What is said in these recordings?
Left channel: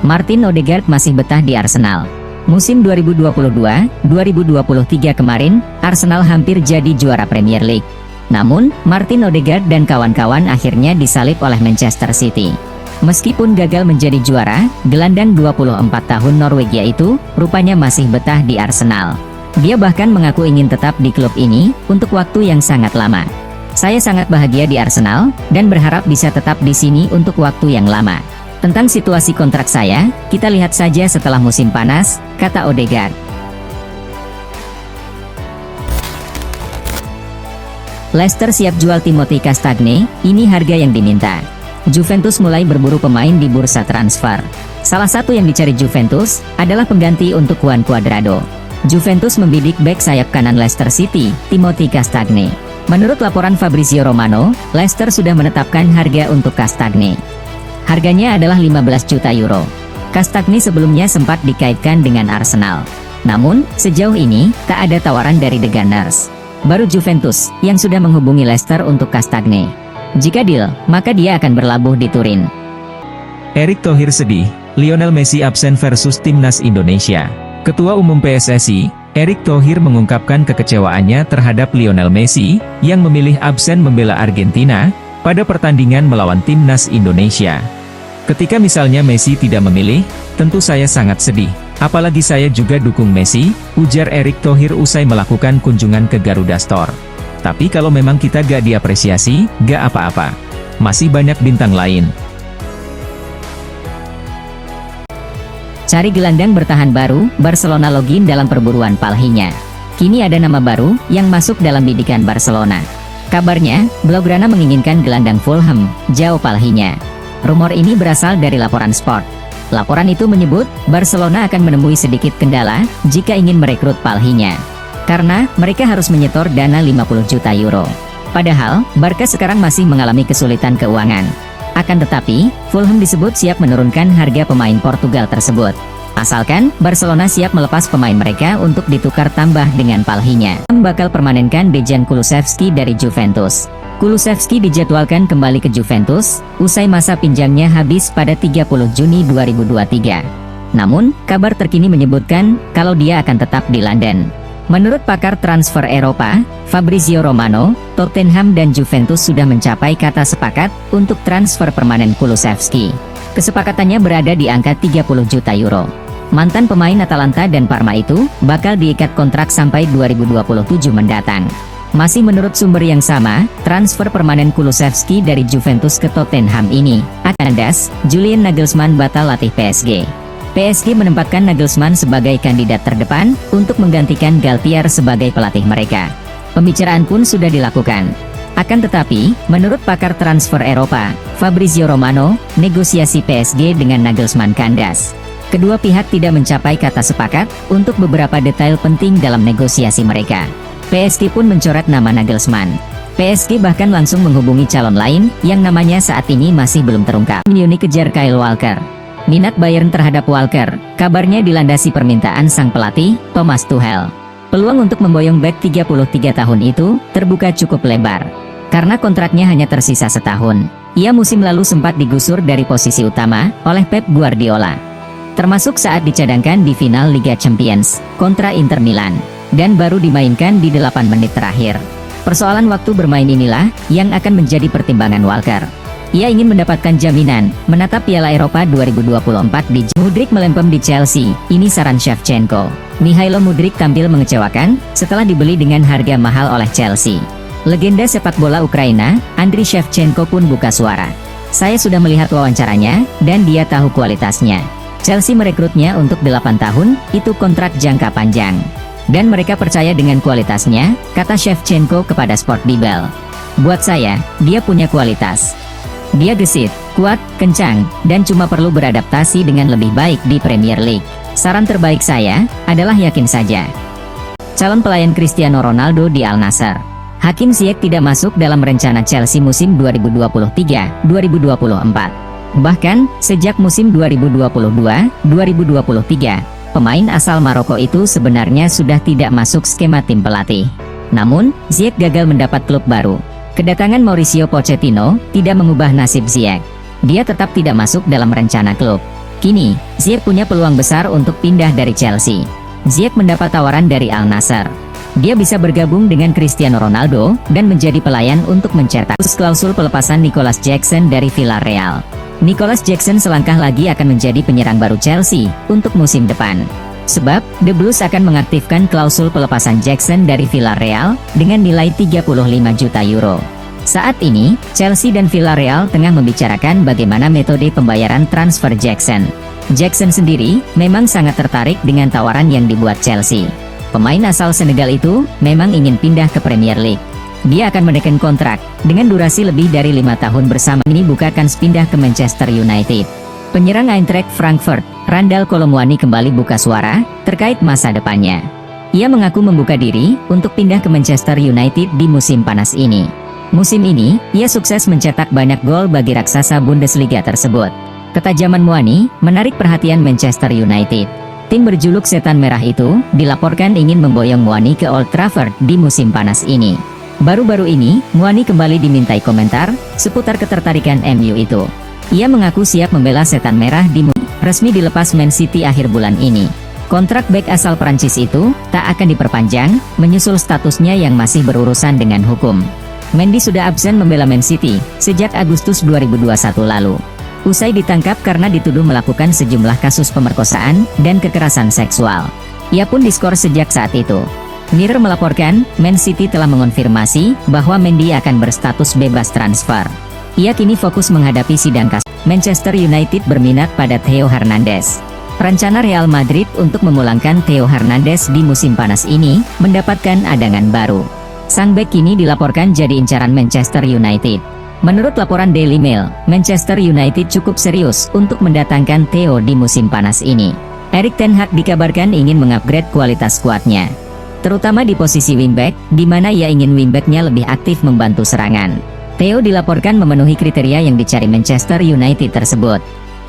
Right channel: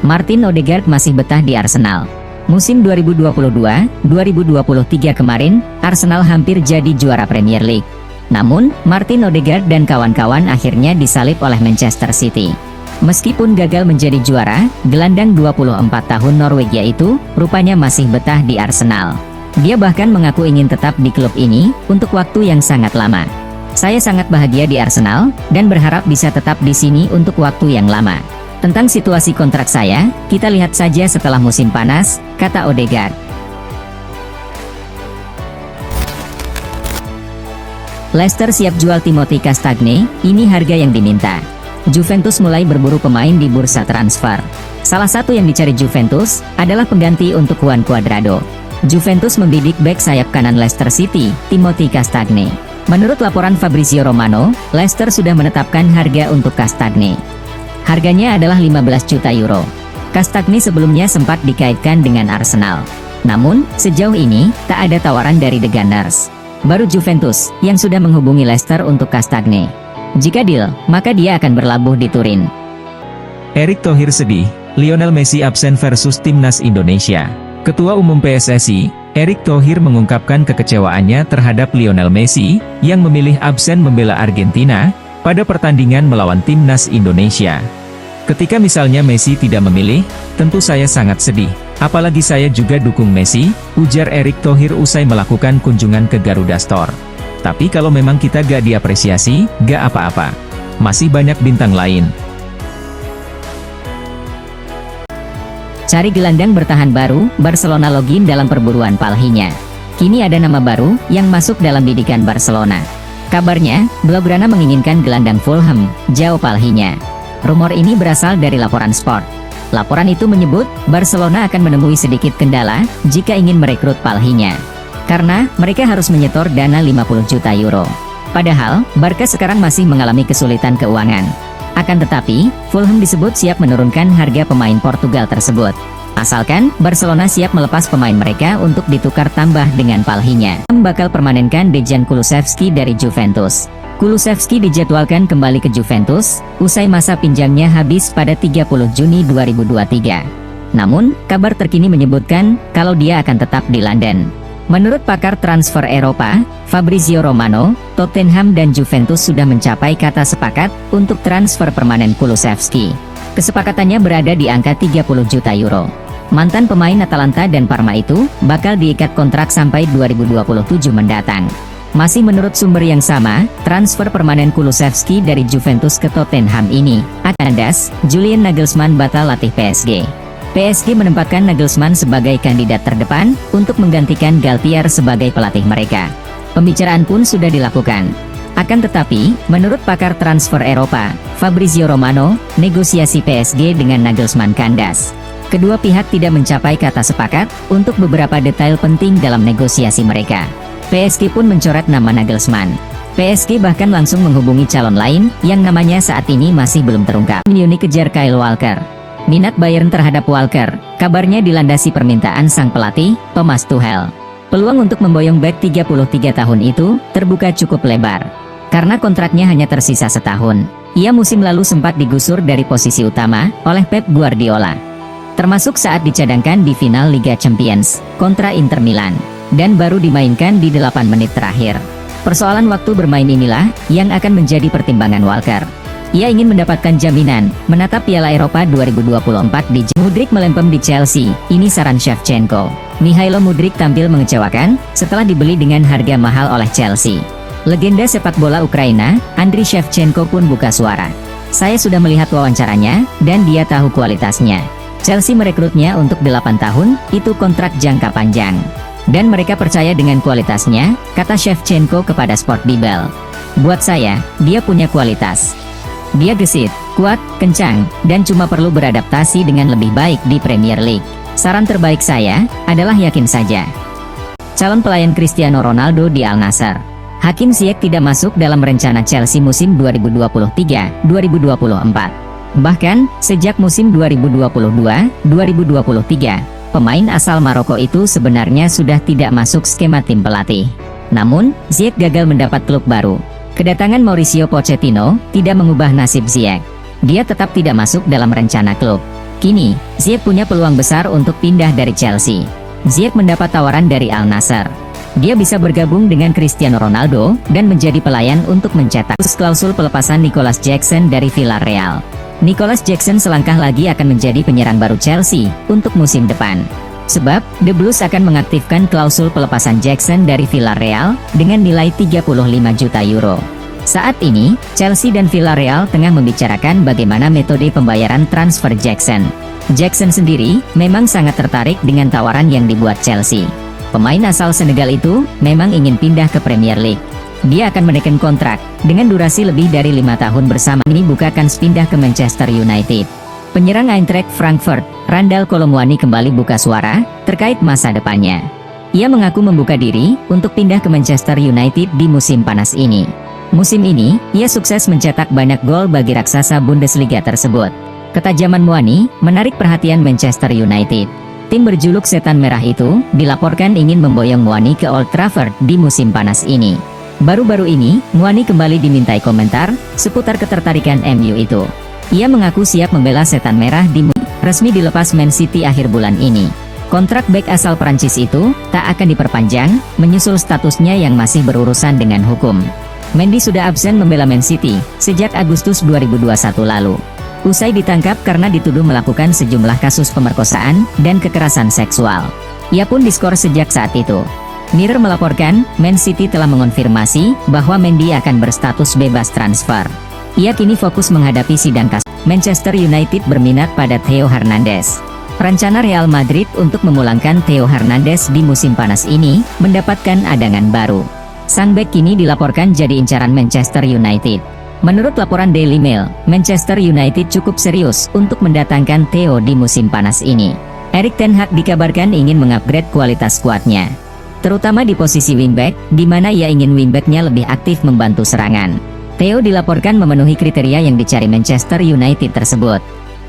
Martin Odegaard masih betah di Arsenal. Musim 2022-2023 kemarin, Arsenal hampir jadi juara Premier League. Namun, Martin Odegaard dan kawan-kawan akhirnya disalib oleh Manchester City. Meskipun gagal menjadi juara, gelandang 24 tahun Norwegia itu rupanya masih betah di Arsenal. Dia bahkan mengaku ingin tetap di klub ini untuk waktu yang sangat lama. Saya sangat bahagia di Arsenal dan berharap bisa tetap di sini untuk waktu yang lama. Tentang situasi kontrak saya, kita lihat saja setelah musim panas, kata Odegaard. Leicester siap jual Timothy Castagne, ini harga yang diminta. Juventus mulai berburu pemain di bursa transfer. Salah satu yang dicari Juventus adalah pengganti untuk Juan Cuadrado. Juventus membidik bek sayap kanan Leicester City, Timothy Castagne. Menurut laporan Fabrizio Romano, Leicester sudah menetapkan harga untuk Castagne. Harganya adalah 15 juta euro. Castagne sebelumnya sempat dikaitkan dengan Arsenal. Namun, sejauh ini, tak ada tawaran dari The Gunners. Baru Juventus yang sudah menghubungi Leicester untuk Castagne. Jika deal, maka dia akan berlabuh di Turin. Erick Thohir sedih, Lionel Messi absen versus Timnas Indonesia. Ketua Umum PSSI, Erick Thohir mengungkapkan kekecewaannya terhadap Lionel Messi, yang memilih absen membela Argentina, pada pertandingan melawan Timnas Indonesia. Ketika misalnya Messi tidak memilih, tentu saya sangat sedih. Apalagi saya juga dukung Messi, ujar Erick Thohir usai melakukan kunjungan ke Garuda Store. Tapi kalau memang kita gak diapresiasi, gak apa-apa. Masih banyak bintang lain. Cari gelandang bertahan baru, Barcelona login dalam perburuan Palhinha. Kini ada nama baru yang masuk dalam bidikan Barcelona. Kabarnya, Blaugrana menginginkan gelandang Fulham, João Palhinha. Rumor ini berasal dari laporan Sport. Laporan itu menyebut, Barcelona akan menemui sedikit kendala jika ingin merekrut Palhinha. Karena mereka harus menyetor dana 50 juta euro. Padahal, Barca sekarang masih mengalami kesulitan keuangan. Akan tetapi, Fulham disebut siap menurunkan harga pemain Portugal tersebut. Asalkan, Barcelona siap melepas pemain mereka untuk ditukar tambah dengan Palhinha. Bakal permanenkan Dejan Kulusevski dari Juventus. Kulusevski dijadwalkan kembali ke Juventus, usai masa pinjamnya habis pada 30 Juni 2023. Namun, kabar terkini menyebutkan kalau dia akan tetap di London. Menurut pakar transfer Eropa, Fabrizio Romano, Tottenham dan Juventus sudah mencapai kata sepakat untuk transfer permanen Kulusevski. Kesepakatannya berada di angka 30 juta euro. Mantan pemain Atalanta dan Parma itu bakal diikat kontrak sampai 2027 mendatang. Masih menurut sumber yang sama, transfer permanen Kulusevski dari Juventus ke Tottenham ini akan kandas. Julian Nagelsmann batal latih PSG. PSG menempatkan Nagelsmann sebagai kandidat terdepan untuk menggantikan Galtier sebagai pelatih mereka. Pembicaraan pun sudah dilakukan. Akan tetapi, menurut pakar transfer Eropa, Fabrizio Romano, negosiasi PSG dengan Nagelsmann kandas. Kedua pihak tidak mencapai kata sepakat untuk beberapa detail penting dalam negosiasi mereka. PSG pun mencoret nama Nagelsmann. PSG bahkan langsung menghubungi calon lain yang namanya saat ini masih belum terungkap. Munich kejar Kyle Walker. Minat Bayern terhadap Walker, kabarnya dilandasi permintaan sang pelatih, Thomas Tuchel. Peluang untuk memboyong bek 33 tahun itu terbuka cukup lebar. Karena kontraknya hanya tersisa setahun. Ia musim lalu sempat digusur dari posisi utama oleh Pep Guardiola. Termasuk saat dicadangkan di final Liga Champions kontra Inter Milan. Dan baru dimainkan di 8 menit terakhir. Persoalan waktu bermain inilah yang akan menjadi pertimbangan Walker. Ia ingin mendapatkan jaminan menatap Piala Eropa 2024 di Mudryk melempem di Chelsea. Ini saran Shevchenko. Mihailo Mudryk tampil mengecewakan setelah dibeli dengan harga mahal oleh Chelsea. Legenda sepak bola Ukraina, Andriy Shevchenko pun buka suara. Saya sudah melihat wawancaranya dan dia tahu kualitasnya. Chelsea merekrutnya untuk 8 tahun, itu kontrak jangka panjang. Dan mereka percaya dengan kualitasnya, kata Shevchenko kepada Sport Bible. Buat saya, dia punya kualitas. Dia gesit, kuat, kencang, dan cuma perlu beradaptasi dengan lebih baik di Premier League. Saran terbaik saya adalah yakin saja. Calon pelayan Cristiano Ronaldo di Al Nassr. Hakim Ziyech tidak masuk dalam rencana Chelsea musim 2023-2024. Bahkan, sejak musim 2022-2023, pemain asal Maroko itu sebenarnya sudah tidak masuk skema tim pelatih. Namun, Ziyech gagal mendapat klub baru. Kedatangan Mauricio Pochettino tidak mengubah nasib Ziyech. Dia tetap tidak masuk dalam rencana klub. Kini, Ziyech punya peluang besar untuk pindah dari Chelsea. Ziyech mendapat tawaran dari Al Nassr. Dia bisa bergabung dengan Cristiano Ronaldo dan menjadi pelayan untuk mencetak klausul pelepasan Nicolas Jackson dari Villarreal. Nicolas Jackson selangkah lagi akan menjadi penyerang baru Chelsea untuk musim depan. Sebab, The Blues akan mengaktifkan klausul pelepasan Jackson dari Villarreal dengan nilai 35 juta euro. Saat ini, Chelsea dan Villarreal tengah membicarakan bagaimana metode pembayaran transfer Jackson. Jackson sendiri memang sangat tertarik dengan tawaran yang dibuat Chelsea. Pemain asal Senegal itu memang ingin pindah ke Premier League. Dia akan menekan kontrak dengan durasi lebih dari 5 tahun bersama ini bukan pindah ke Manchester United. Penyerang Eintracht Frankfurt, Randal Colomwani kembali buka suara terkait masa depannya. Ia mengaku membuka diri untuk pindah ke Manchester United di musim panas ini. Musim ini, ia sukses mencetak banyak gol bagi raksasa Bundesliga tersebut. Ketajaman Muani menarik perhatian Manchester United. Tim berjuluk Setan Merah itu dilaporkan ingin memboyong Muani ke Old Trafford di musim panas ini. Baru-baru ini, Muani kembali dimintai komentar seputar ketertarikan MU itu. Ia mengaku siap membela Setan Merah di resmi dilepas Man City akhir bulan ini. Kontrak bek asal Prancis itu tak akan diperpanjang, menyusul statusnya yang masih berurusan dengan hukum. Mendy sudah absen membela Man City sejak Agustus 2021 lalu. Usai ditangkap karena dituduh melakukan sejumlah kasus pemerkosaan dan kekerasan seksual. Ia pun diskor sejak saat itu. Mirror melaporkan, Man City telah mengonfirmasi bahwa Mendy akan berstatus bebas transfer. Ia kini fokus menghadapi sidang kasus. Manchester United berminat pada Theo Hernandez. Rencana Real Madrid untuk memulangkan Theo Hernandez di musim panas ini mendapatkan adangan baru. Sang bek kini dilaporkan jadi incaran Manchester United. Menurut laporan Daily Mail, Manchester United cukup serius untuk mendatangkan Theo di musim panas ini. Erik ten Hag dikabarkan ingin mengupgrade kualitas skuadnya, terutama di posisi wingback, di mana ia ingin wingbacknya lebih aktif membantu serangan. Theo dilaporkan memenuhi kriteria yang dicari Manchester United tersebut.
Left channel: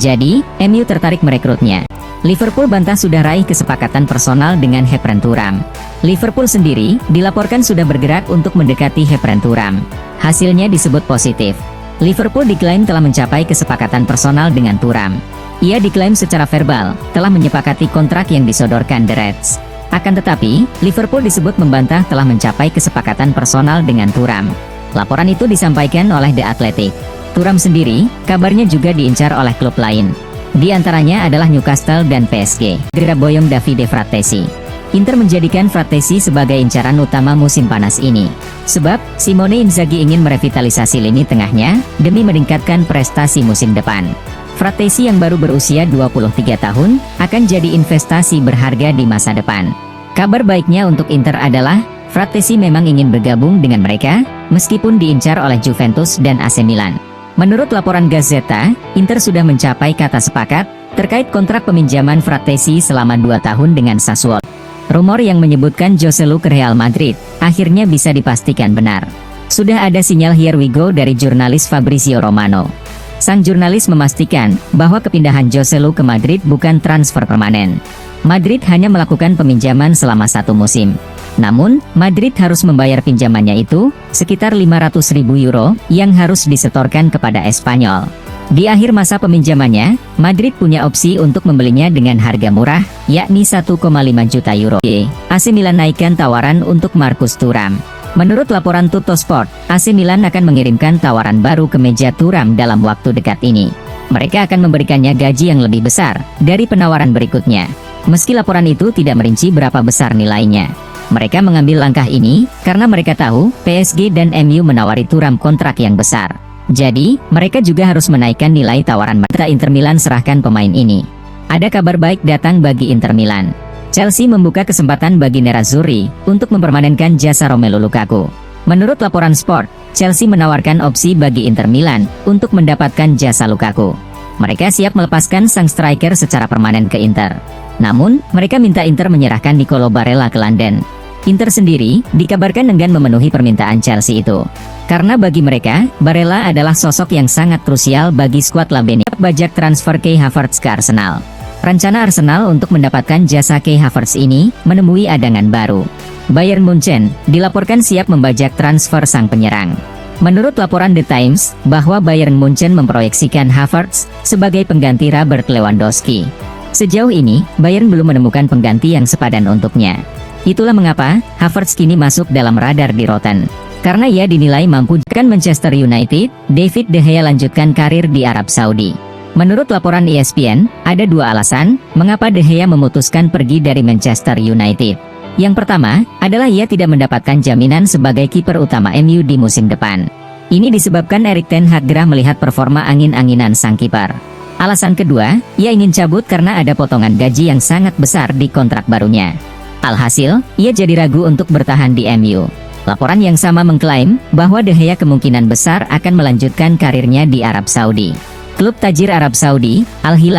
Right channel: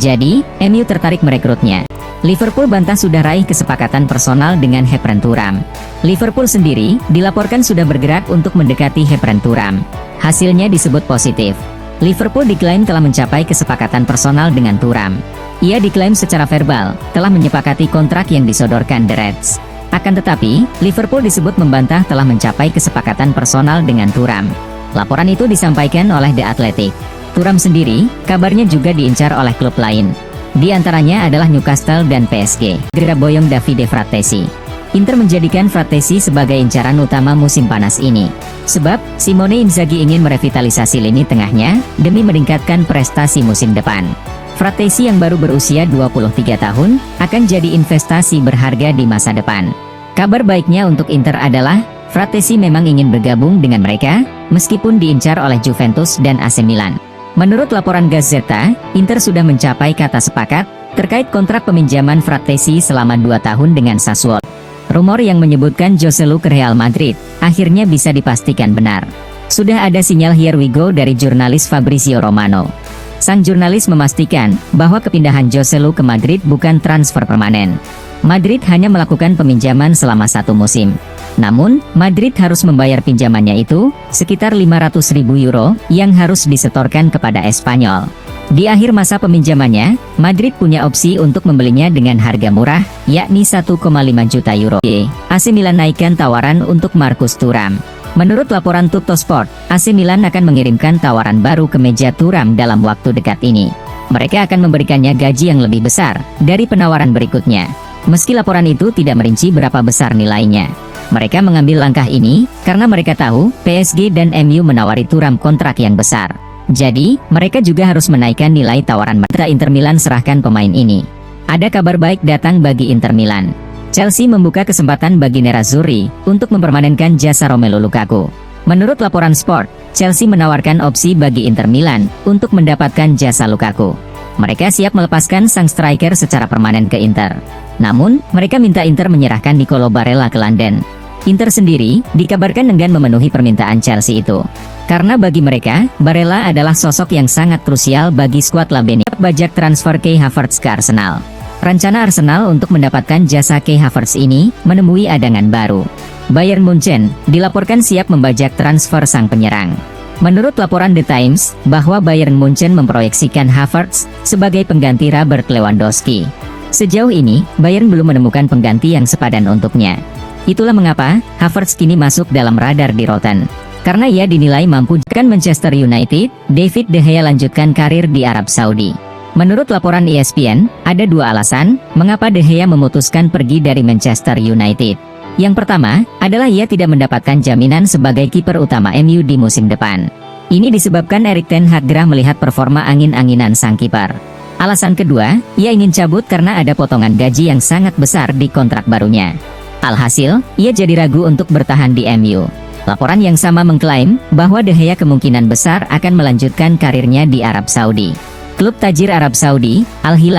Jadi, MU tertarik merekrutnya. Liverpool bantah sudah raih kesepakatan personal dengan Khephren Thuram. Liverpool sendiri dilaporkan sudah bergerak untuk mendekati Khephren Thuram. Hasilnya disebut positif. Liverpool diklaim telah mencapai kesepakatan personal dengan Thuram. Ia diklaim secara verbal telah menyepakati kontrak yang disodorkan The Reds. Akan tetapi, Liverpool disebut membantah telah mencapai kesepakatan personal dengan Thuram. Laporan itu disampaikan oleh The Athletic. Thuram sendiri kabarnya juga diincar oleh klub lain. Di antaranya adalah Newcastle dan PSG. Berita boyong Davide Fratesi. Inter menjadikan Fratesi sebagai incaran utama musim panas ini. Sebab, Simone Inzaghi ingin merevitalisasi lini tengahnya demi meningkatkan prestasi musim depan. Fratesi yang baru berusia 23 tahun akan jadi investasi berharga di masa depan. Kabar baiknya untuk Inter adalah Fratesi memang ingin bergabung dengan mereka meskipun diincar oleh Juventus dan AC Milan. Menurut laporan Gazzetta, Inter sudah mencapai kata sepakat terkait kontrak peminjaman Fratesi selama 2 tahun dengan Sassuolo. Rumor yang menyebutkan Joselu ke Real Madrid akhirnya bisa dipastikan benar. Sudah ada sinyal Here We Go dari jurnalis Fabrizio Romano. Sang jurnalis memastikan bahwa kepindahan Joselu ke Madrid bukan transfer permanen. Madrid hanya melakukan peminjaman selama 1 musim. Namun, Madrid harus membayar pinjamannya itu sekitar 500.000 euro yang harus disetorkan kepada Espanyol. Di akhir masa peminjamannya, Madrid punya opsi untuk membelinya dengan harga murah, yakni 1,5 juta euro. AC Milan naikkan tawaran untuk Marcus Thuram. Menurut laporan Tuttosport, AC Milan akan mengirimkan tawaran baru ke meja Thuram dalam waktu dekat ini. Mereka akan memberikannya gaji yang lebih besar dari penawaran berikutnya. Meski laporan itu tidak merinci berapa besar nilainya. Mereka mengambil langkah ini karena mereka tahu PSG dan MU menawari Thuram kontrak yang besar. Jadi, mereka juga harus menaikkan nilai tawaran mereka. Inter Milan serahkan pemain ini. Ada kabar baik datang bagi Inter Milan. Chelsea membuka kesempatan bagi Nerazzurri untuk mempermanenkan jasa Romelu Lukaku. Menurut laporan Sport, Chelsea menawarkan opsi bagi Inter Milan untuk mendapatkan jasa Lukaku. Mereka siap melepaskan sang striker secara permanen ke Inter. Namun, mereka minta Inter menyerahkan Nicolo Barella ke London. Inter sendiri dikabarkan enggan memenuhi permintaan Chelsea itu. Karena bagi mereka, Barella adalah sosok yang sangat krusial bagi skuad Labeni. Bajak transfer Kai Havertz ke Arsenal. Rencana Arsenal untuk mendapatkan jasa Kai Havertz ini menemui adangan baru. Bayern Munchen dilaporkan siap membajak transfer sang penyerang. Menurut laporan The Times, bahwa Bayern Munchen memproyeksikan Havertz sebagai pengganti Robert Lewandowski. Sejauh ini, Bayern belum menemukan pengganti yang sepadan untuknya. Itulah mengapa Havertz kini masuk dalam radar di Rotten. Karena ia dinilai mampu dengan Manchester United, David De Gea lanjutkan karir di Arab Saudi. Menurut laporan ESPN, ada dua alasan mengapa De Gea memutuskan pergi dari Manchester United. Yang pertama, adalah ia tidak mendapatkan jaminan sebagai kiper utama MU di musim depan. Ini disebabkan Erik ten Hag gerah melihat performa angin-anginan sang kiper. Alasan kedua, ia ingin cabut karena ada potongan gaji yang sangat besar di kontrak barunya. Alhasil, ia jadi ragu untuk bertahan di MU. Laporan yang sama mengklaim bahwa De Gea kemungkinan besar akan melanjutkan karirnya di Arab Saudi. Klub tajir Arab Saudi, Al Hilal